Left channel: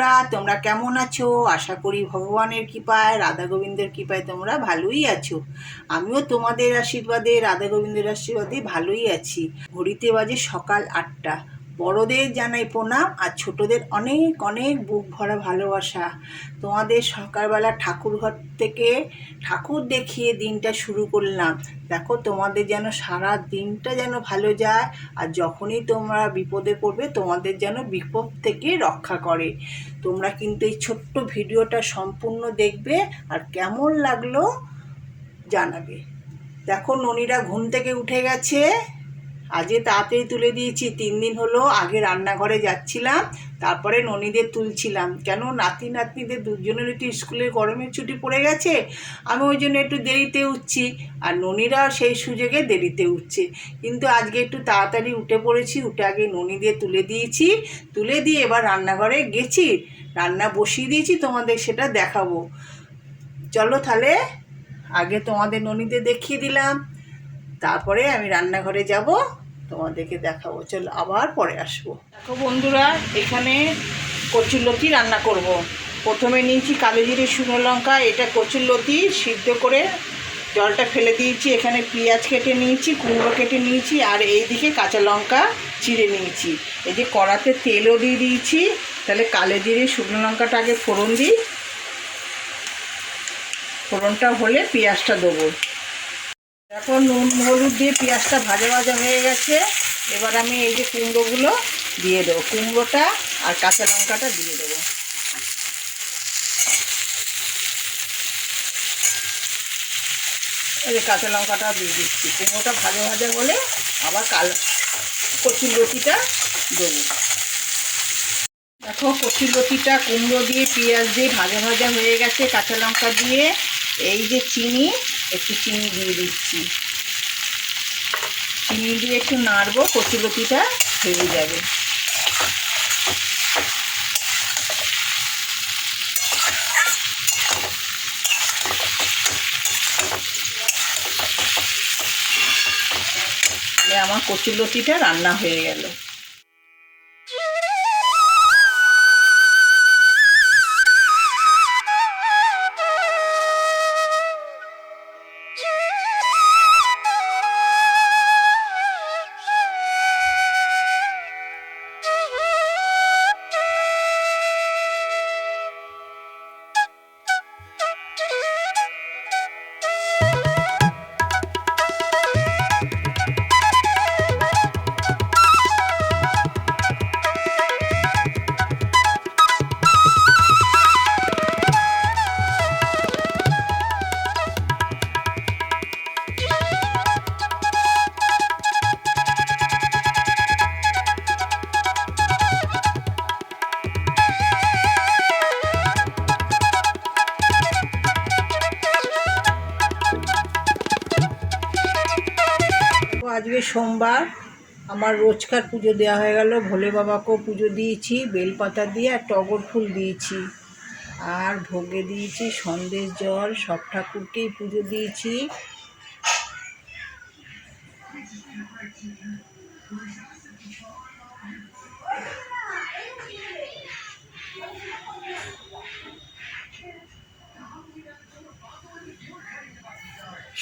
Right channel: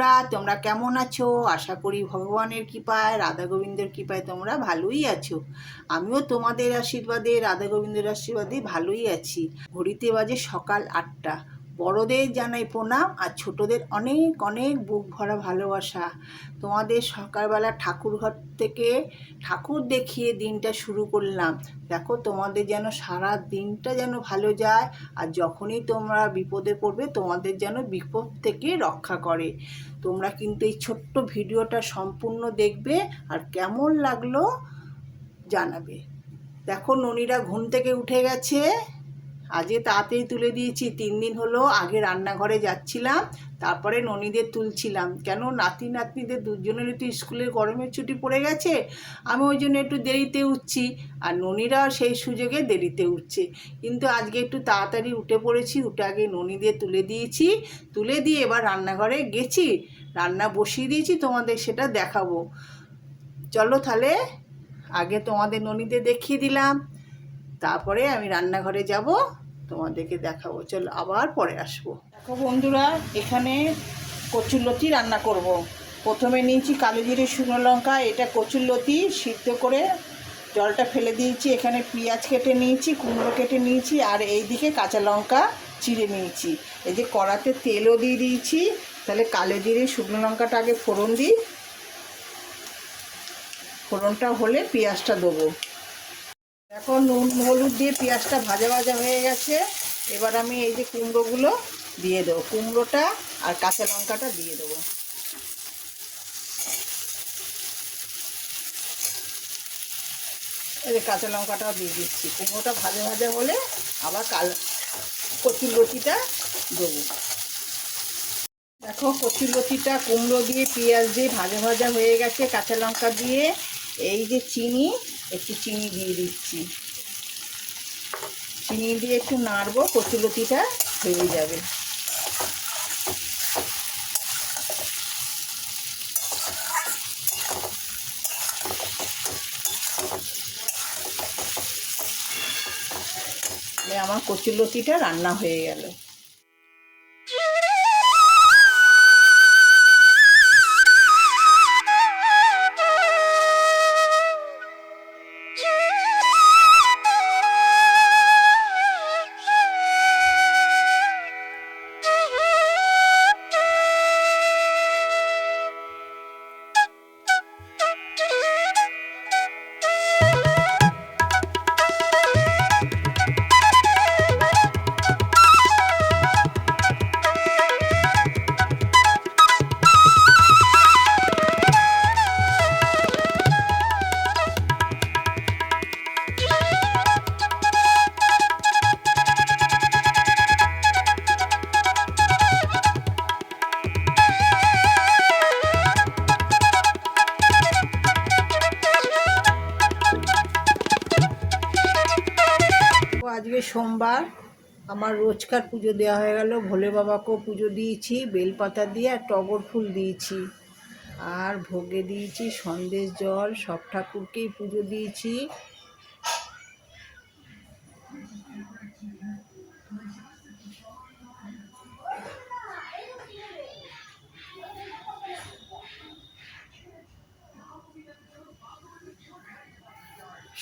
বন্ধুরা, তোমরা কেমন আছো? আশা করি ভগবানের কৃপায়, রাধা গোবিন্দের কৃপায় তোমরা ভালোই আছো। আমিও তোমাদের আশীর্বাদে, রাধা গোবিন্দের আশীর্বাদে ভালোই আছি। ঘড়িতে বাজে সকাল আটটা। বড়দের জানাই প্রণাম আর ছোটদের অনেক অনেক বুক ভরা ভালোবাসা। তোমাদের সকালবেলা ঠাকুর ঘর থেকে ঠাকুর দেখিয়ে দিনটা শুরু করলাম। দেখো, তোমাদের যেন সারা দিনটা যেন ভালো যায় আর যখনই তোমরা বিপদে পড়বে, তোমাদের যেন বিপদ থেকে রক্ষা করে। তোমরা কিন্তু এই ছোট্ট ভিডিওটা সম্পূর্ণ দেখবে আর কেমন লাগল জানাবে। দেখো, ননিরা ঘুম থেকে উঠে গেছে। আজকে তাড়াতাড়ি তুলে দিয়েছি, তিন দিন হলো আগে রান্নাঘরে যাচ্ছিলাম, তারপরে ননীদের তুলছিলাম। কেন নাতি নাতনিদের দুজনের একটু স্কুলের গরমের ছুটি পড়ে গেছে, আমি ওই জন্য একটু দেরিতে উঠছি। আর ননীরাও সেই সুযোগে দেরিতে উঠছে। কিন্তু আজকে একটু তাড়াতাড়ি উঠে পড়েছি, উঠে আগে ননীদের তুলে দিয়েছি। তুলে দিয়ে এবার রান্নাঘরে গেছি, রান্না বসিয়ে দিয়েছি, তোমাদের সেটা দেখাবো। চলো তাহলে, আগে তোমাদের ননীদের দেখিয়ে দিলাম। তারপরে আমি রান্নাঘরে যাব। তোমাদেরকে দেখাবো। চল আবার পরে আসব। দেখো বন্ধুরা, এখানে কচুরলতি রান্না করব। প্রথমে নিয়েছি কালো জিরে শুকনো লঙ্কা, এটা কচুরলতি সিদ্ধ করে জলটা ফেলে দিয়েছি। এখানে পেঁয়াজ কেটে নিয়েছি, কুমড়ো কেটে নিয়েছি, আর এইদিকে কাঁচা লঙ্কা চিড়ে নিয়েছি। এই যে কড়াতে তেলও দিয়ে দিয়েছি, তাহলে কালো জিরে শুকনো লঙ্কাটা আগে ফোড়ন দিই। ফোড়নটা হলে পেঁয়াজটা দেবো। এখন নুন, হলুদ দিয়ে পেঁয়াজটা ভাজা ভাজা হয়ে গেছে। এবার আমি এই যে কুমড়োগুলো দিয়ে দেবো। কুমড়োটা আর কাঁচা লঙ্কাটা দিয়ে দেবো। এই যে কাঁচা লঙ্কাটা দিয়ে দিচ্ছি। কুমড়োটা ভাজা ভাজা হলে আবার কাল কচুর লতিটা দেবো। দেখো কচুর লতিটা কুমড়ো দিয়ে পেঁয়াজ দিয়ে ভাজা ভাজা হয়ে গেছে কাঁচা লঙ্কা দিয়ে। এই যে চিনি একটু চিনি দিয়ে দিচ্ছি। চিনি দিয়ে একটু নাড়বো কচুলতিটা ভেজে যাবে। আমার কচুলতিটা রান্না হয়ে গেল। আজকে সোমবার আমার রোজকার পুজো দেওয়া হয়ে গেল। ভোলে বাবাকেও পুজো দিয়েছি, বেলপাতা দিয়ে আর টগর ফুল দিয়েছি। আর ভোগে দিয়েছি সন্দেশ জল, সব ঠাকুরকেই পুজো দিয়েছি।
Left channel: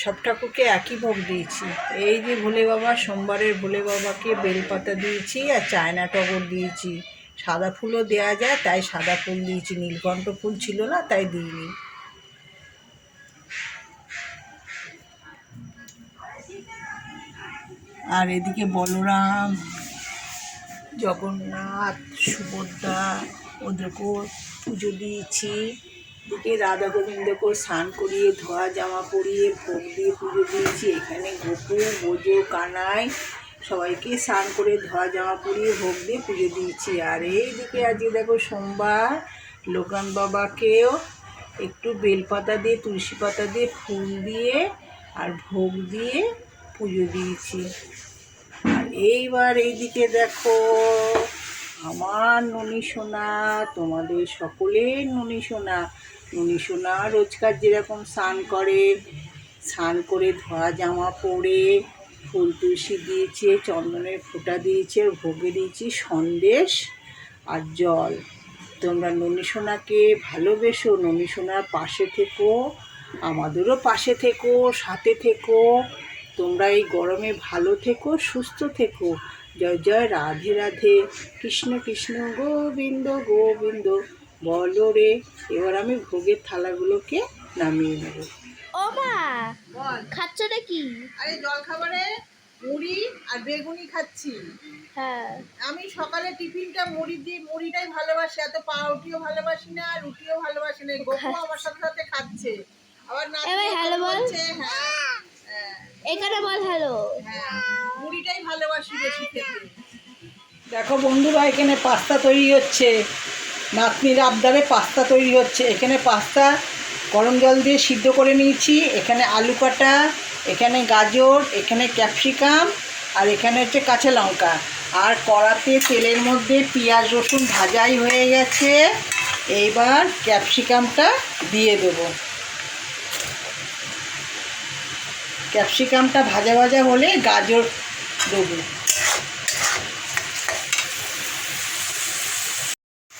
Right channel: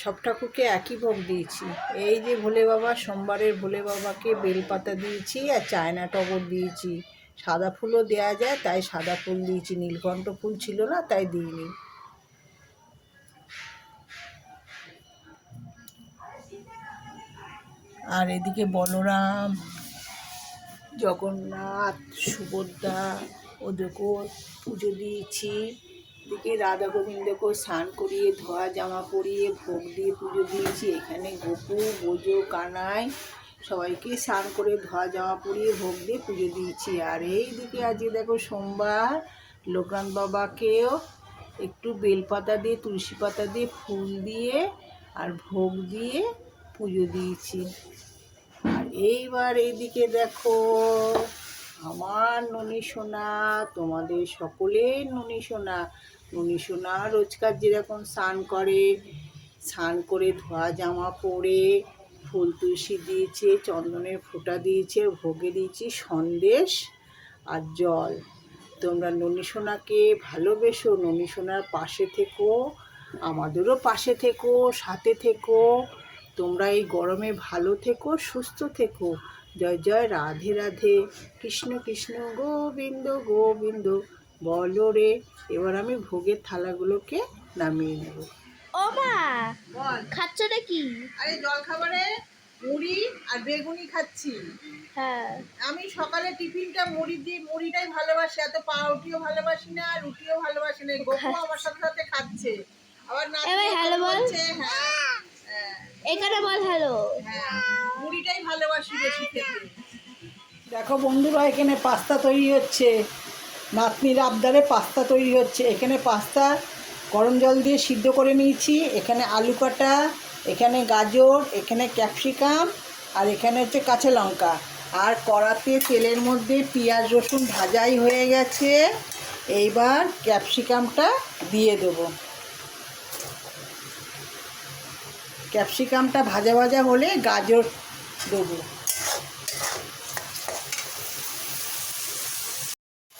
সব ঠাকুরকে একই ভোগ দিয়েছি। এই যে ভোলে বাবা, সোমবারের ভোলে বাবাকে বেলপাতা দিয়েছি আর চায়না টগর দিয়েছি। সাদা ফুলও দেওয়া যায়, তাই সাদা ফুল দিয়েছি। নীলকণ্ঠ ফুল ছিল না, তাই দিইনি। আর এদিকে বলরাম, জগন্নাথ, সুভদ্রা, ওদেরকেও পুজো দিয়েছি। এদিকে রাধা গোবিন্দকেও স্নান করিয়ে, ধোয়া জামা পরিয়ে, ভোগ দিয়ে পুজো দিয়েছি। এখানে গোপু বোজো, কানাই সবাইকে স্নান করে, ধোয়া জামা পরিয়ে, ভোগ দিয়ে পুজো দিয়েছি। আর এইদিকে আজকে দেখো সোমবার লোকান বাবাকেও একটু বেলপাতা দিয়ে, তুলসী পাতা দিয়ে, ফুল দিয়ে আর ভোগ দিয়ে পুজো দিয়েছি। আর এইবার এইদিকে দেখো আমার ননী সোনা, তোমাদের সকলের ননী সোনা। ননী সোনা রোজকার যেরকম স্নান করে স্নান করে ধোয়া জামা পরে, ফুল তুলসী দিয়েছে, চন্দনের ফোঁটা দিয়েছে ভোগে দিয়েছি সন্দেশ আর জল। তোমরা ননী সোনাকে ভালোবেসো, ননী সোনার পাশে থেকো, আমাদেরও পাশে থেকো, সাথে থেকো। তোমরা এই গরমে ভালো থেকো, সুস্থ থেকো। জয় জয়, রাধে রাধে। কৃষ্ণ কৃষ্ণ, গোবিন্দ গোবিন্দ। বলো রে এবার আমি ভোগের থালাগুলোকে নামিয়ে দেবো ও মা বল খাচ্ছটা কি? আরে জল খাবারে মুড়ি আর বেগুনি খাচ্ছি। হ্যাঁ। আমি সকালে টিফিনটা মুড়ি দিয়ে মুড়িটাই ভালোবাসি এত পাউরুটিও ভালোবাসি না রুটিও ভালোবাসি না গোপু আমার সাথে সাথে খাচ্ছে। আবার না এবার hello বল। হ্যাঁ হ্যাঁ, এখানে বল হ্যালো হ্যাঁ মুড়িটাই ভালোবাসি বেশি খেতে। দেখো বন্ধুরা এখানে পাস্তা তৈরি হচ্ছে। নাতনির আবদারে পাস্তা তৈরি হচ্ছে। এখানে পাস্তা গরম জল দিয়ে সিদ্ধ করে নিয়েছি। এখানে আলু কাটা এখানে গাজর, এখানে ক্যাপসিকাম, আর এখানে হচ্ছে কাঁচা লঙ্কা। আর কড়াতে তেলের মধ্যে পেঁয়াজ রসুন ভাজাই হয়ে গেছে। এইবার ক্যাপসিকামটা দিয়ে দেবো। ক্যাপসিকামটা ভাজা ভাজা হলে গাজর দেবো।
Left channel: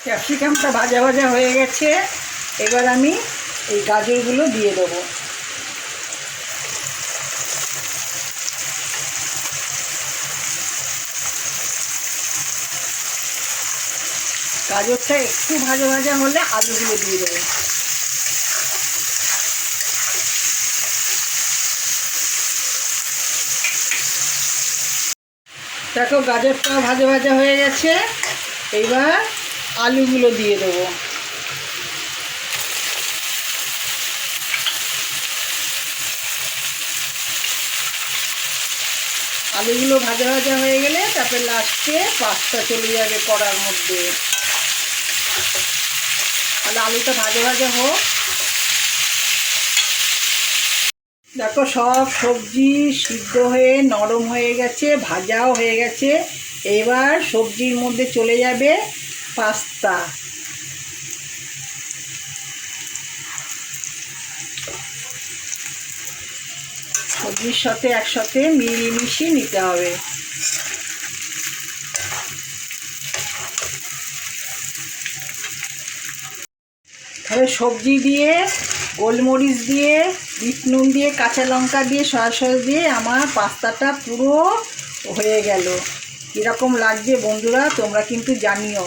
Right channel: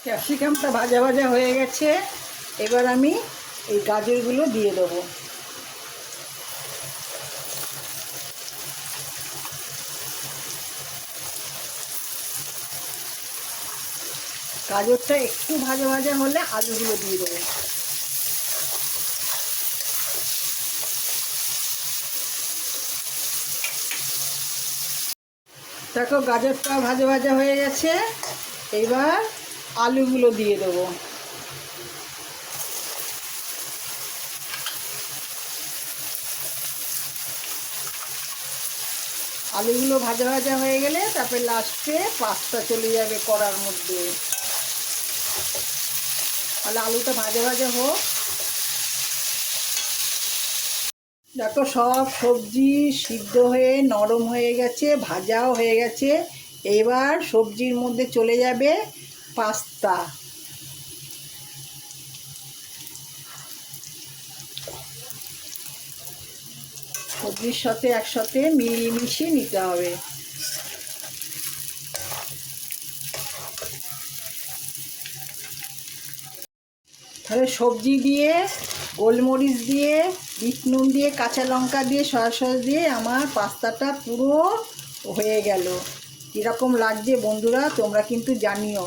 ক্যাপসিকামটা ভাজা ভাজা হয়ে গেছে। এবার আমি এই গাজরগুলো দিয়ে দেবো। গাজরটা একটু ভাজা ভাজা হলে আলুগুলো দিয়ে দেবো। দেখো গাজরটা ভাজা ভাজা হয়ে গেছে। এবার আলুগুলো দিয়ে দেবো। আলুগুলো ভাজা ভাজা হয়ে গেলে তারপরে লাস্টে পাস্তা চলে যাবে কড়ার মধ্যে। তাহলে আলুটা ভাজা ভাজা হোক। দেখো সব সবজি সিদ্ধ হয়ে নরম হয়ে গেছে, ভাজাও হয়ে গেছে। এবার সবজির মধ্যে চলে যাবে পাস্তা সবজির সাথে একসাথে মিলিয়ে মিশিয়ে নিতে হবে। সবজি দিয়ে, গোলমরিচ দিয়ে, বিট নুন দিয়ে, কাঁচা লঙ্কা দিয়ে, সয়া সস দিয়ে আমার পাস্তাটা পুরো হয়ে গেল। কীরকম লাগছে বন্ধুরা, তোমরা কিন্তু জানিও।